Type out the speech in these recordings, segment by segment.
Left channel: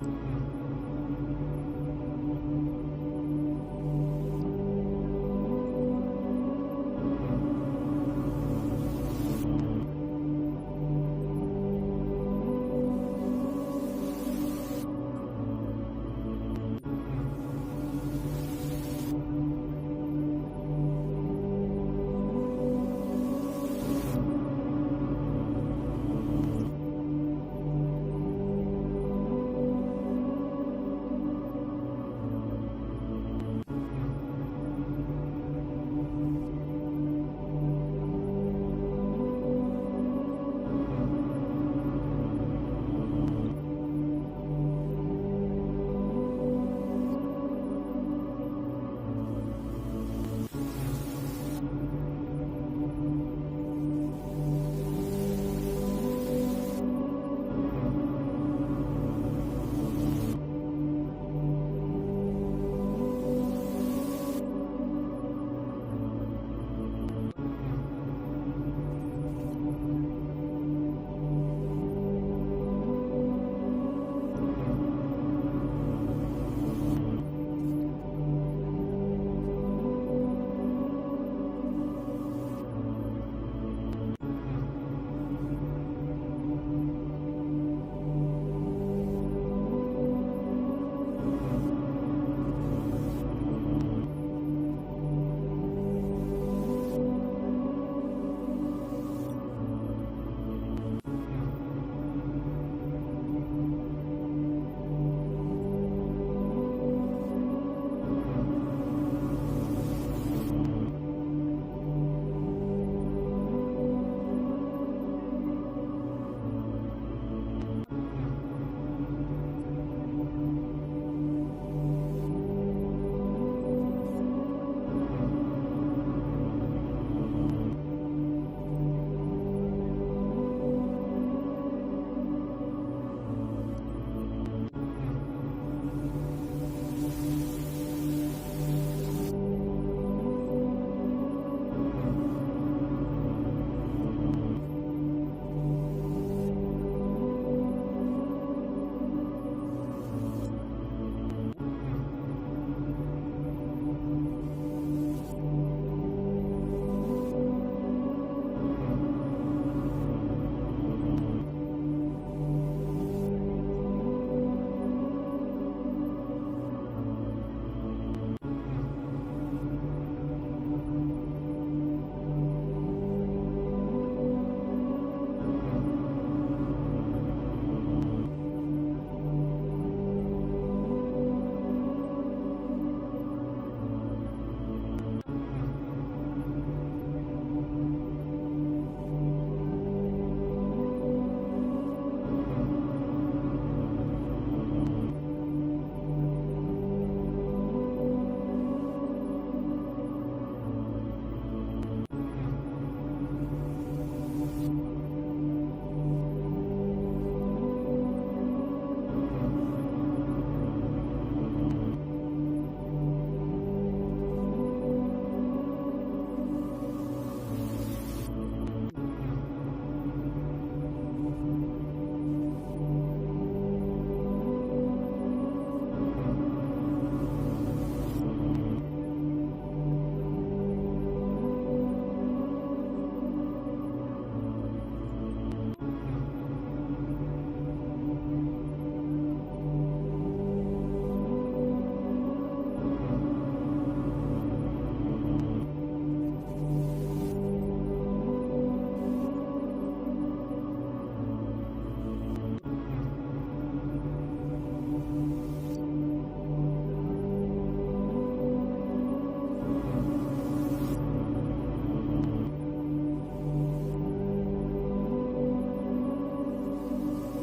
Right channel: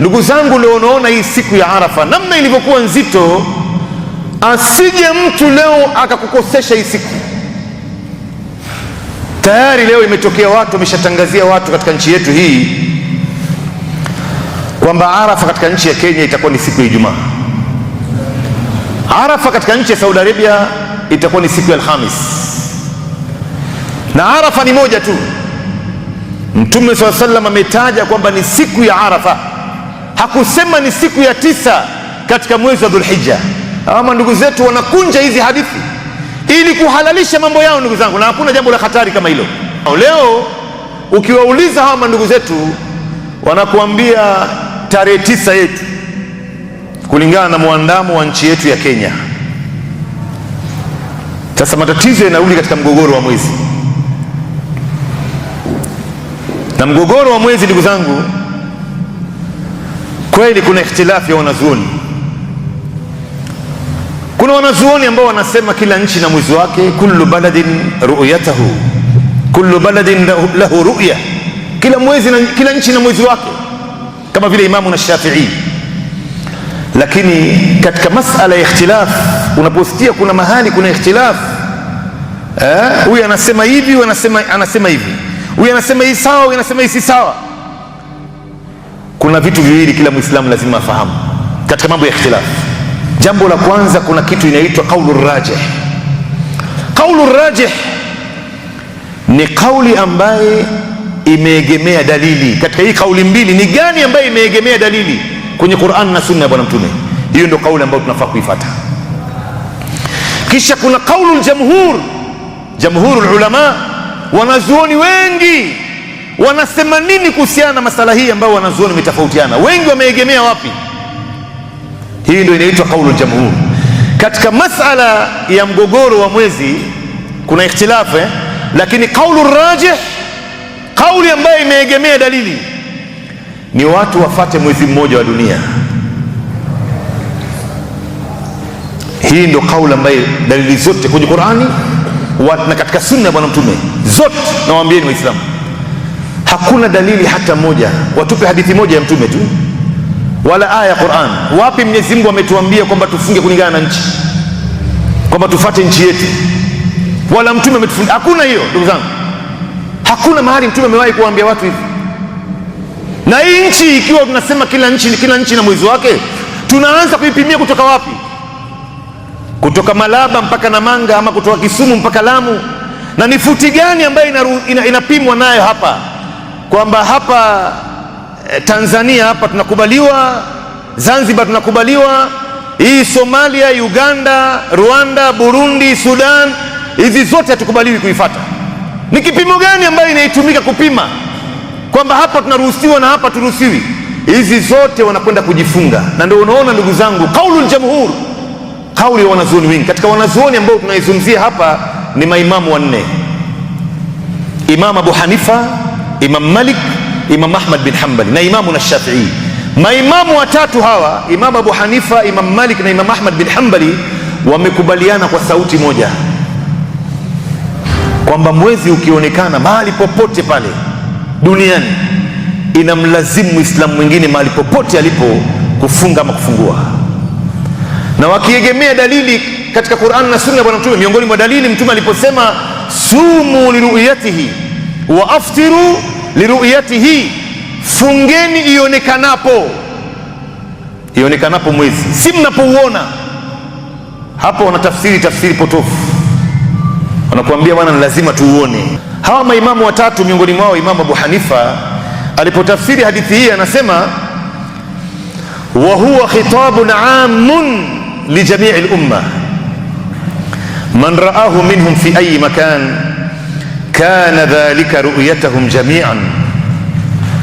Ndugu zangu, leo unaona hii siku ya Arafa namna ilivyokuwa nzito, asije mtu leo akakukosesha hii siku. Tayari leo imetokea watu wameshatangazia watu katika nchi yetu hii kwamba Arafa katika nchi ya Kenya itakuwa ni siku ya Ijumaa. Arafa katika nchi ya Saudi Arabia itakuwa ni siku ya Alhamis, na Arafa ni moja tu. Mtume sallallahu alaihi wasallam ametaja kwamba ni siku ya Arafa, hakusema ni siku ya 9 katika mwezi wa Dhulhijja. Ama ndugu zetu wanakunja hizi hadithi ili kuhalalisha mambo yao, ndugu zangu, na hakuna jambo la hatari kama hilo. Leo ukiwauliza hawa ndugu zetu wanakuambia tarehe 9 yetu kulingana na muandamo wa nchi yetu ya Kenya. Sasa matatizo yanarudi katika mgogoro wa mwezi, na mgogoro wa mwezi, ndugu zangu, kweli kuna ikhtilafu ya wanazuoni. Kuna wanazuoni ambao wanasema kila nchi na mwezi wake, kullu baladin ru'yatahu, kullu baladin lahu ru'ya, kila mwezi na kila nchi na mwezi wake, kama vile Imamu na Shafi'i. Lakini katika masala ya ikhtilaf, unaposikia kuna mahali kuna ikhtilaf, huyu anasema hivi, huyu anasema hivi, huyu anasema hii sawa, huyu anasema hii si sawa, kuna vitu viwili kila Muislamu lazima afahamu katika mambo ya ikhtilaf. Jambo la kwanza, kuna kitu inaitwa qaulur rajih. Qaulur rajih ni kauli ambaye imeegemea dalili. Katika hii kauli mbili, ni gani ambaye imeegemea dalili kwenye Qur'an na Sunna ya Bwana Mtume? Hiyo ndio kauli ambayo tunafaa kuifuata. Kisha kuna qaulul jamhur, jamhurul ulama, wanazuoni wengi wanasema nini kuhusiana na masala hii ambayo wanazuoni wametofautiana, wengi wameegemea wapi? Hii ndio inaitwa qaulul jamhur. Katika masala ya mgogoro wa mwezi kuna ikhtilafu, lakini qaulur rajih, kauli ambayo imeegemea dalili, ni watu wafate mwezi mmoja wa dunia. Hii ndio kauli ambayo dalili zote kwenye Qur'ani na katika Sunna ya Bwana Mtume zote, nawaambieni Waislamu, hakuna dalili hata moja, watupe hadithi moja ya Mtume tu wala aya ya Qur'an. Wapi Mwenyezi Mungu ametuambia kwamba tufunge kulingana na nchi, kwamba tufate nchi yetu? Wala Mtume ametufunga? Hakuna hiyo, ndugu zangu. Hakuna mahali Mtume amewahi kuambia watu hivi. Na hii nchi, ikiwa tunasema kila nchi na mwezi wake, tunaanza kuipimia kutoka wapi? Kutoka Malaba mpaka Namanga, ama kutoka Kisumu mpaka Lamu? Na ni futi gani ambayo inapimwa nayo hapa, kwamba hapa Tanzania hapa tunakubaliwa, Zanzibar tunakubaliwa, hii Somalia, Uganda, Rwanda, Burundi, Sudan, hizi zote hatukubaliwi kuifuata? Ni kipimo gani ambayo inaitumika kupima kwamba hapa tunaruhusiwa na hapa turuhusiwi? Hizi zote wanakwenda kujifunga. Na ndio unaona ndugu zangu, qaulul jamhur, kauli ya wanazuoni wengi. Katika wanazuoni ambao tunaizungumzia hapa ni maimamu wanne: Imam Abu Hanifa, Imam Malik, Imam Ahmad bin Hanbali na Imamu na Shafi'i. Maimamu watatu hawa, Imam Abu Hanifa, Imam Malik na Imam Ahmad bin Hanbali, wamekubaliana kwa sauti moja kwamba mwezi ukionekana mahali popote pale duniani, inamlazimu Muislamu mwingine mahali popote alipo kufunga ama kufungua. Na wakiegemea dalili katika Qur'an na Sunna ya Bwana Mtume, miongoni mwa dalili Mtume aliposema sumu liruyatihi wa aftiru liruyatihi, fungeni ionekanapo mwezi, si mnapouona. Hapo wanatafsiri potofu, wanakuambia bwana, ni lazima tuuone. Hawa maimamu watatu, miongoni mwao Imamu Abu Hanifa, alipotafsiri hadithi hii anasema wa huwa khitabun amun li jamii al-umma man ra'ahu minhum fi ayi makan kana dhalika ru'yatahum jami'an.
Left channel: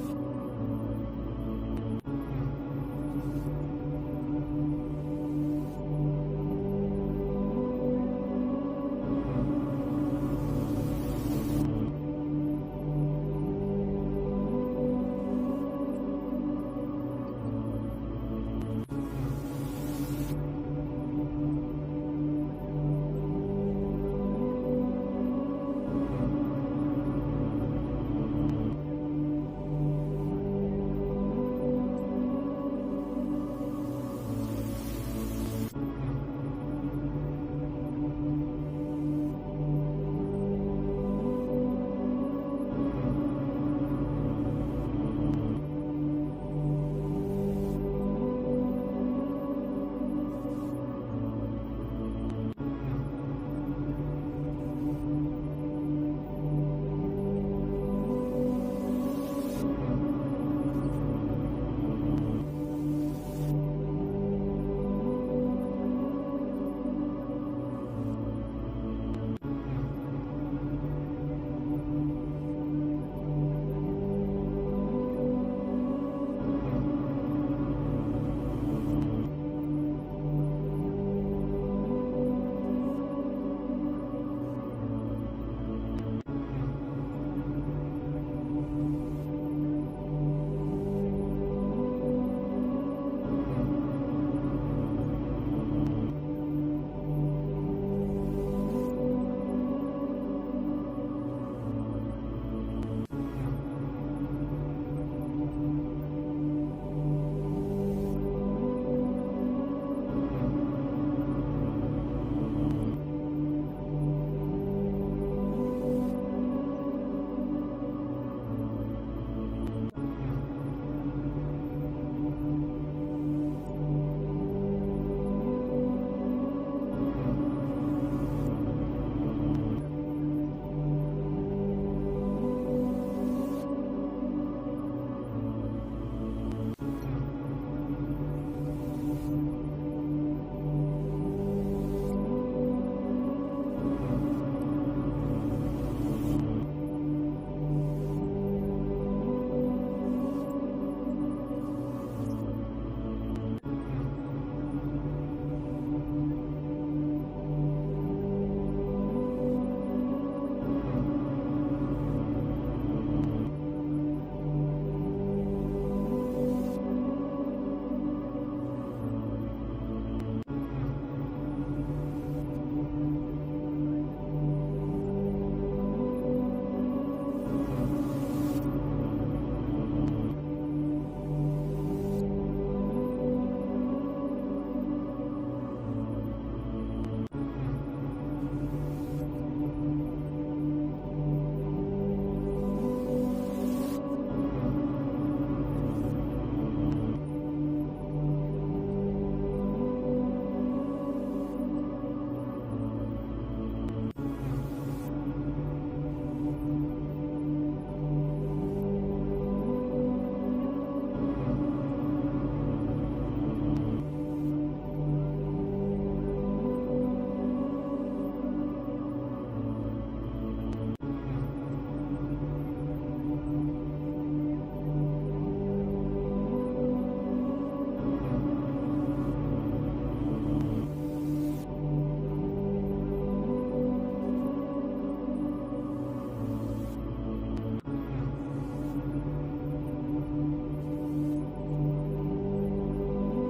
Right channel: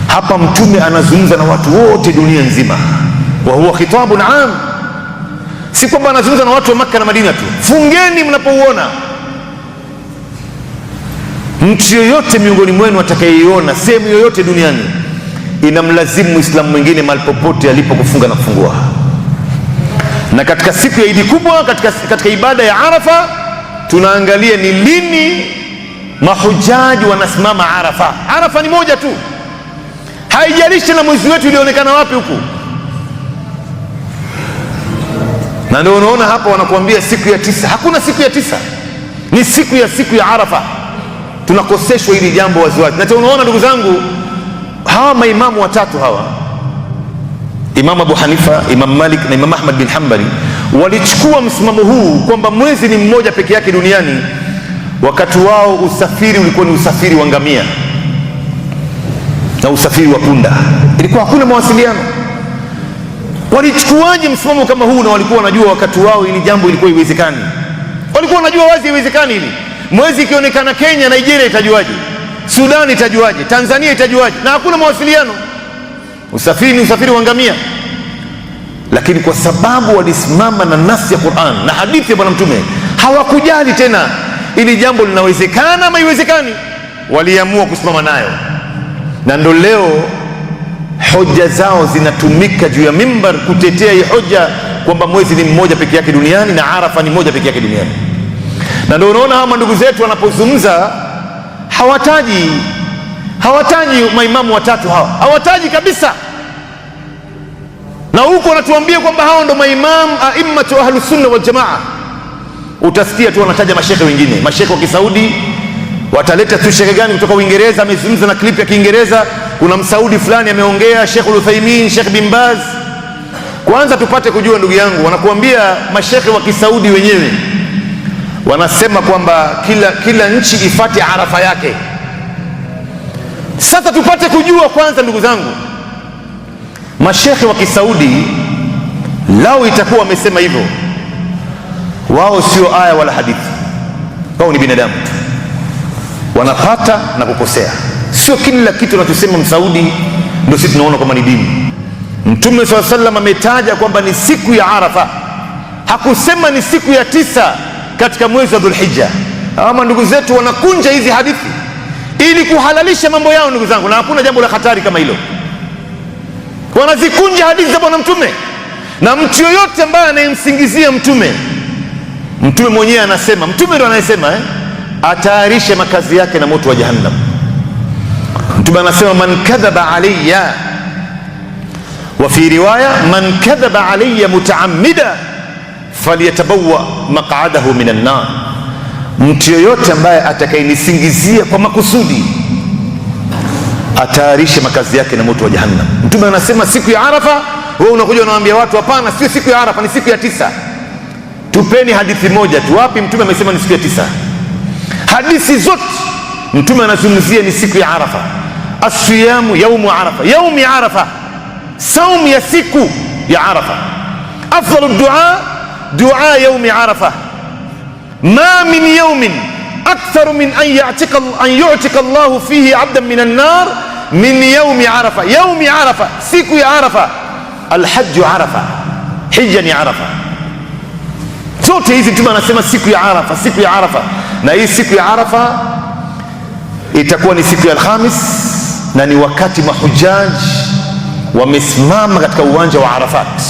Hapa Mtume anazungumza na watu wote dunia nzima. Wa huwa khitabun am, si kwamba anazungumza na watu wa Makka na Madina tu. Fungeni mnapouona. Mtu yoyote miongoni mwenu atakayeiona sehemu yoyote duniani, inamlazimu Muislamu mwingine mahali popote alipo kufunga na kufungua. Na katika siku ya Idi kubwa, katika ibada ya Arafa, tunaangalia ni lini mahujaji wanasimama Arafa. Arafa ni moja tu, haijalishi na mwezi wetu ulionekana wapi huku. Na ndio unaona hapa wanakuambia siku ya 9. Hakuna siku ya 9, ni siku ya Arafa. Tunakoseshwa hili jambo waziwazi. Na unaona ndugu zangu, hawa maimamu watatu hawa, Imam Abu Hanifa, Imam Malik na Imam Ahmad bin Hanbali, walichukua msimamo huu kwamba mwezi ni mmoja peke yake duniani. Wakati wao usafiri ulikuwa ni usafiri wa ngamia na usafiri wa punda, ilikuwa hakuna mawasiliano. Walichukuaje msimamo kama huu? Na walikuwa wanajua wakati wao ili jambo ilikuwa iwezekani. Walikuwa wanajua wazi iwezekani hili. Mwezi ikionekana Kenya, Nigeria itajuaje? Sudan itajuaje? Tanzania itajuaje? Na hakuna mawasiliano. Usafiri ni usafiri wa ngamia. Lakini kwa sababu walisimama na nafsi ya Qur'an na hadithi ya Bwana Mtume, hawakujali tena ili jambo linawezekana ama haiwezekani, waliamua kusimama nayo. Na ndo leo hoja zao zinatumika juu ya mimbar kutetea hii hoja kwamba mwezi ni mmoja peke yake duniani na Arafa ni moja peke yake duniani. Na ndio unaona hawa ndugu zetu wanapozungumza hawataji maimamu watatu hawa, hawataji kabisa. Na huko wanatuambia kwamba hao ndo maimamu aimmatu ahlus sunna wal jamaa. Utasikia tu wanataja mashekhe wengine, mashekhe wa Kisaudi. Wataleta tu shekhe gani kutoka Uingereza amezungumza na clip ya Kiingereza, kuna msaudi fulani ameongea, Sheikh Al-Uthaymeen, Sheikh bin Baz. Kwanza tupate kujua ndugu yangu, wanakuambia mashekhe wa Kisaudi wenyewe wanasema kwamba kila nchi ifate Arafa yake. Sasa tupate kujua kwanza ndugu zangu, mashekhe wa Kisaudi lao itakuwa wamesema hivyo, wao sio aya wala hadithi, wao ni binadamu, wanapata na kukosea. Sio kila kitu tunachosema msaudi ndio sisi tunaona kama ni dini. Mtume SAW ametaja kwamba ni siku ya Arafa, hakusema ni siku ya 9 katika mwezi wa Dhulhijja. Ama ndugu zetu wanakunja hizi hadithi ili kuhalalisha mambo yao ndugu zangu, na hakuna jambo la hatari kama hilo. Wanazikunja hadithi za Bwana Mtume, na mtu yoyote ambaye anayemsingizia Mtume mwenyewe anasema, Mtume ndo anayesema atayarishe makazi yake na moto wa Jahannam. Mtume anasema man kadhaba alayya, wa fi riwaya man kadhaba alayya mutaammida falyatabawwa maq'adahu minan nar. Mtu yoyote ambaye atakayenisingizia kwa makusudi atayarishe makazi yake na moto wa Jahannam. Mtume anasema siku ya Arafa, wewe unakuja unawaambia watu hapana, sio siku ya Arafa, ni siku ya 9. Tupeni hadithi moja tu, wapi Mtume amesema ni siku ya 9? Hadithi zote Mtume anazungumzia ni siku ya Arafa. As-siyamu yaumu Arafa, yaumi Arafa, saumu ya siku ya Arafa. Afdalu dua yaumi Arafa. Ma min yaumin aktharu min an yu'tika Allahu fihi 'abdan min an-nar min yaumi Arafa. Yaumi Arafa, siku ya Arafa. Al-hajju Arafa, hija ni Arafa. Zote hizi Mtume anasema siku ya Arafa, siku ya Arafa. Na hii siku ya Arafa itakuwa ni siku ya Alhamis, na ni wakati mahujaji wamesimama katika uwanja wa Arafat,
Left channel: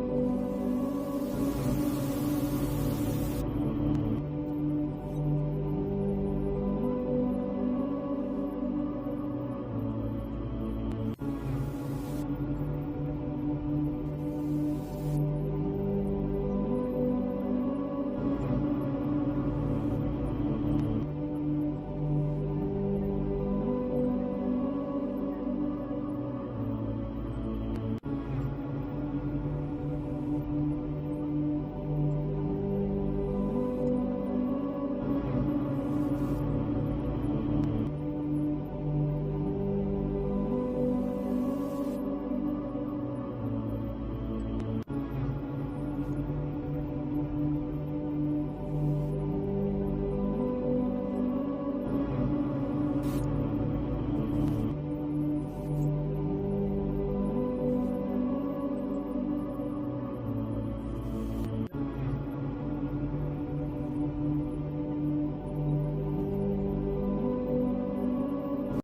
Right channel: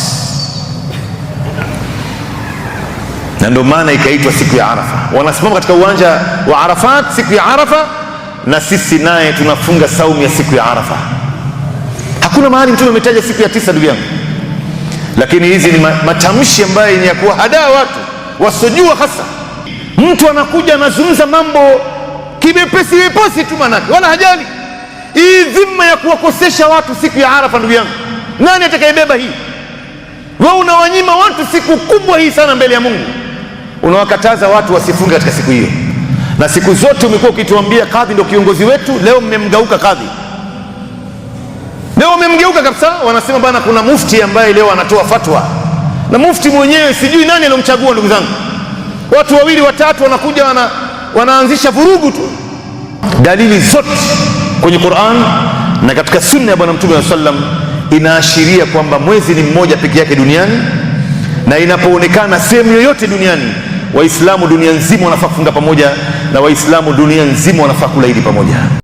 na ndio maana ikaitwa siku ya Arafa. Wanasimama katika uwanja wa Arafat siku ya Arafa, na sisi naye tunafunga saumu ya siku ya Arafa. Hakuna mahali Mtume ametaja siku ya 9 ndugu yangu. Lakini hizi ni matamshi ambayo ni ya kuwahadaa watu wasojua. Hasa mtu anakuja anazungumza mambo kibepesi wepesi tu, manake wala hajali hii dhima ya kuwakosesha watu siku ya Arafa. Ndugu yangu, nani atakayebeba hii? Wewe unawanyima watu siku kubwa hii sana mbele ya Mungu, unawakataza watu wasifunge katika siku hiyo. Na siku zote umekuwa ukituambia kadhi ndio kiongozi wetu. Leo mmemgeuka kadhi, leo mmemgeuka kabisa. Wanasema bana, kuna mufti ambaye leo anatoa fatwa, na mufti mwenyewe sijui nani alomchagua. Ndugu zangu, watu wawili watatu wanakuja wanaanzisha vurugu tu. Dalili zote kwenye Qur'an na katika sunna ya Bwana Mtume SAW inaashiria kwamba mwezi ni mmoja peke yake duniani, na inapoonekana sehemu yoyote duniani, Waislamu dunia nzima wanafaa kufunga pamoja, na Waislamu dunia nzima wanafaa kula Idi pamoja.